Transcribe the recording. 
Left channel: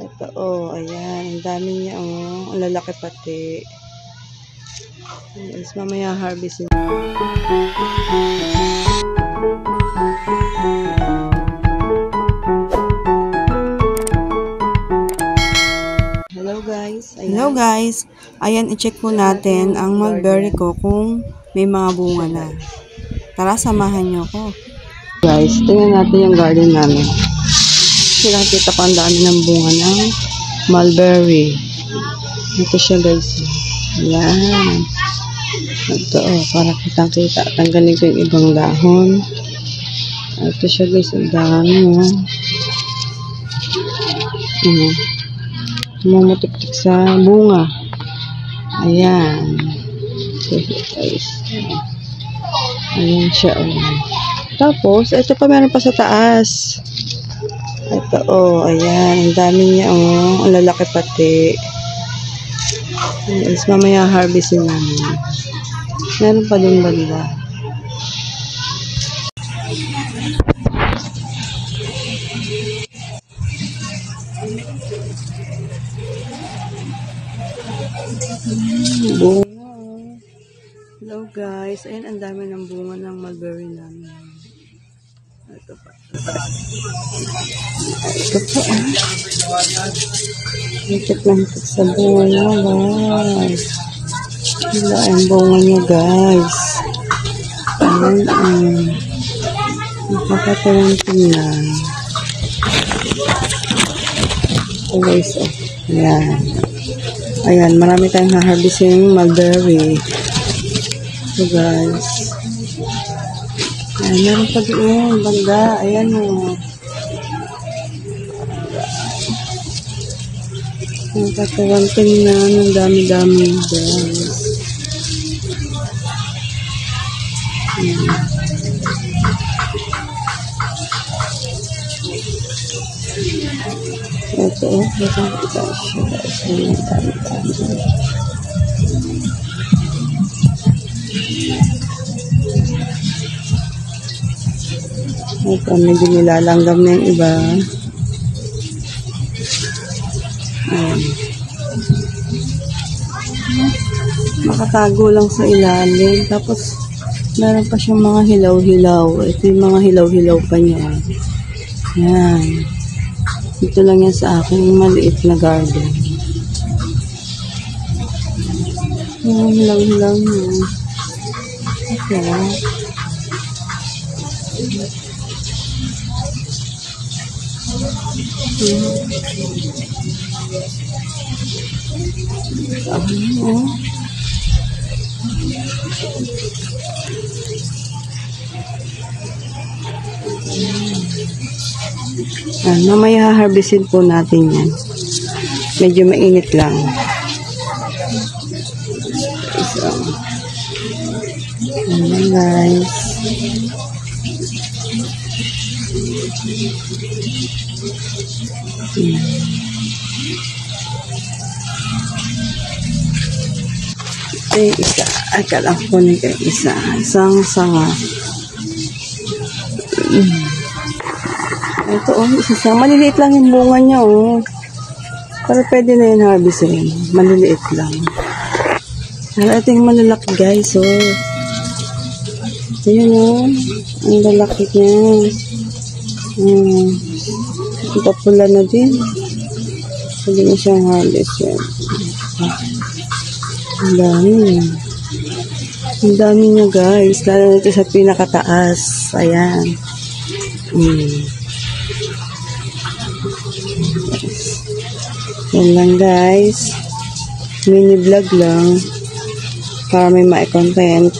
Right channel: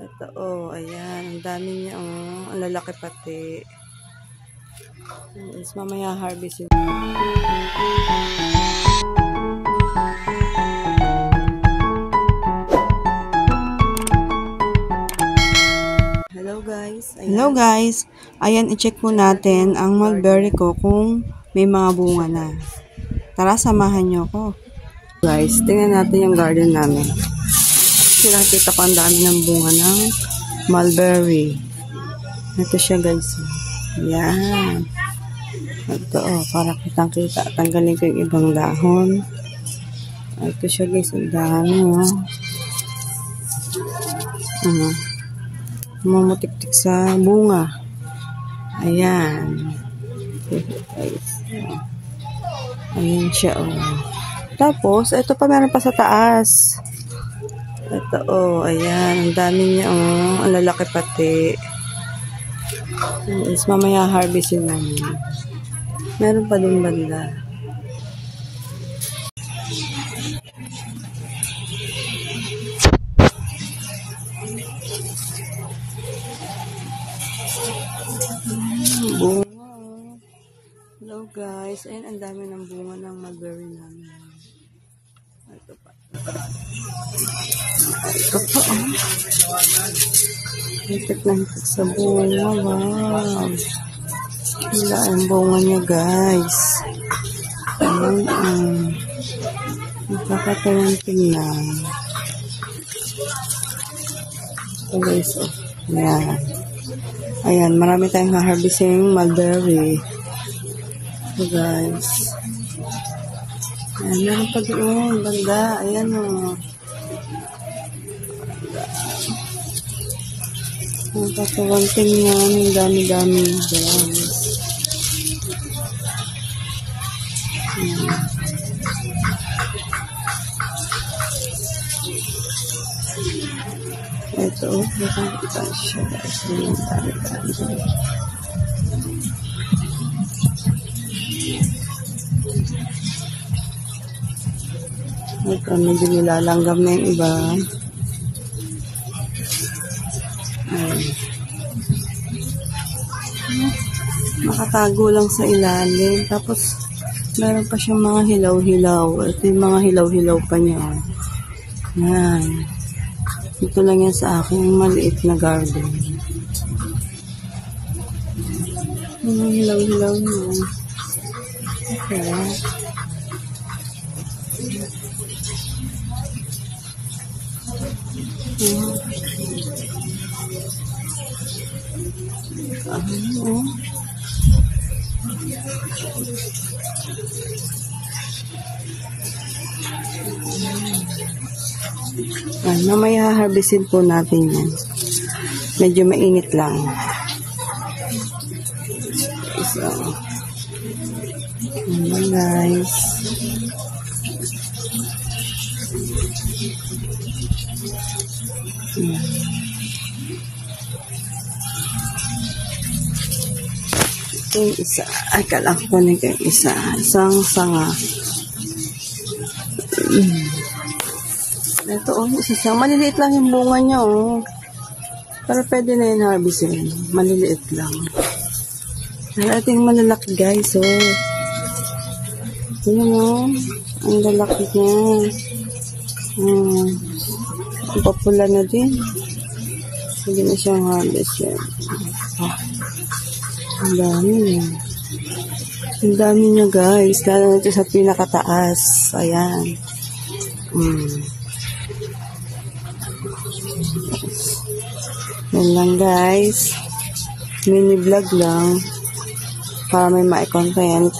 Ito, oh, ayan. Ang dami niya, oh. Ang lalaki pati. Is mamaya harvestin. Hello guys. Ayan, i-check po natin ang mulberry ko kung may mga bunga na. Tara, samahan nyo ko. Guys, tingnan natin yung garden namin. Nakikita ko ang dami ng bunga ng mulberry. Ito siya guys. Ayan. Ito, oh, para kitang-kita. Tanggalin ko yung ibang dahon. Ito siya guys. Ang dami, oh. Mumutik-tik sa bunga. Ayan. Guys. Ayan siya, oh. Tapos, ito pa meron pa sa taas. Ito, oh, ayan. Ang dami niya, oh. Ang lalaki pati. Is mamaya harvestin namin. Meron pa din banda. Bunga. Hello guys. Ayan, ang dami ng bunga ng mulberry namin. Ito pa. Ito pa, oh. Hitik na hitik sa bunga niya. Wow. Hila ang bunga niya, guys. Ayan, nakakatawang tingnan. Oh, guys, oh. Ayan. Ayan, marami tayong haharvesting mulberry. So, guys. Ayan, meron pa doon. Banda. Ayan, oh. Nakakatawang tingnan. Ang dami-dami, guys. Ayan. Ito, oh. Nakakita siya, guys. Ayan, dami-dami. Ito, medyo nilalanggam na yung iba. Nakatago lang sa ilalim. Tapos, meron pa siyang mga hilaw-hilaw. Ito yung mga hilaw-hilaw pa niya. Yan. Ito lang yan sa aking maliit na garden. Mga hilaw-hilaw niya. Okay. May haharvestin po natin yan. Medyo mainit lang. So, ayan guys. Ito yung isa. Akala ko na yung isa. Isang sanga. Ito, oh, isa siya. Maliliit lang yung bunga niya, oh. Pero pwede na yun harvestin. Maliliit lang. Pero ito yung malalaki, guys, oh. Ayan, oh. Ang lalaki niya. Ang popular na din. Pwede na siyang harvest yan. Ang dami. Ang dami niya, guys. Lalo na ito sa pinakataas. Ayan. Yan lang guys. Mini vlog lang. Para may ma-content.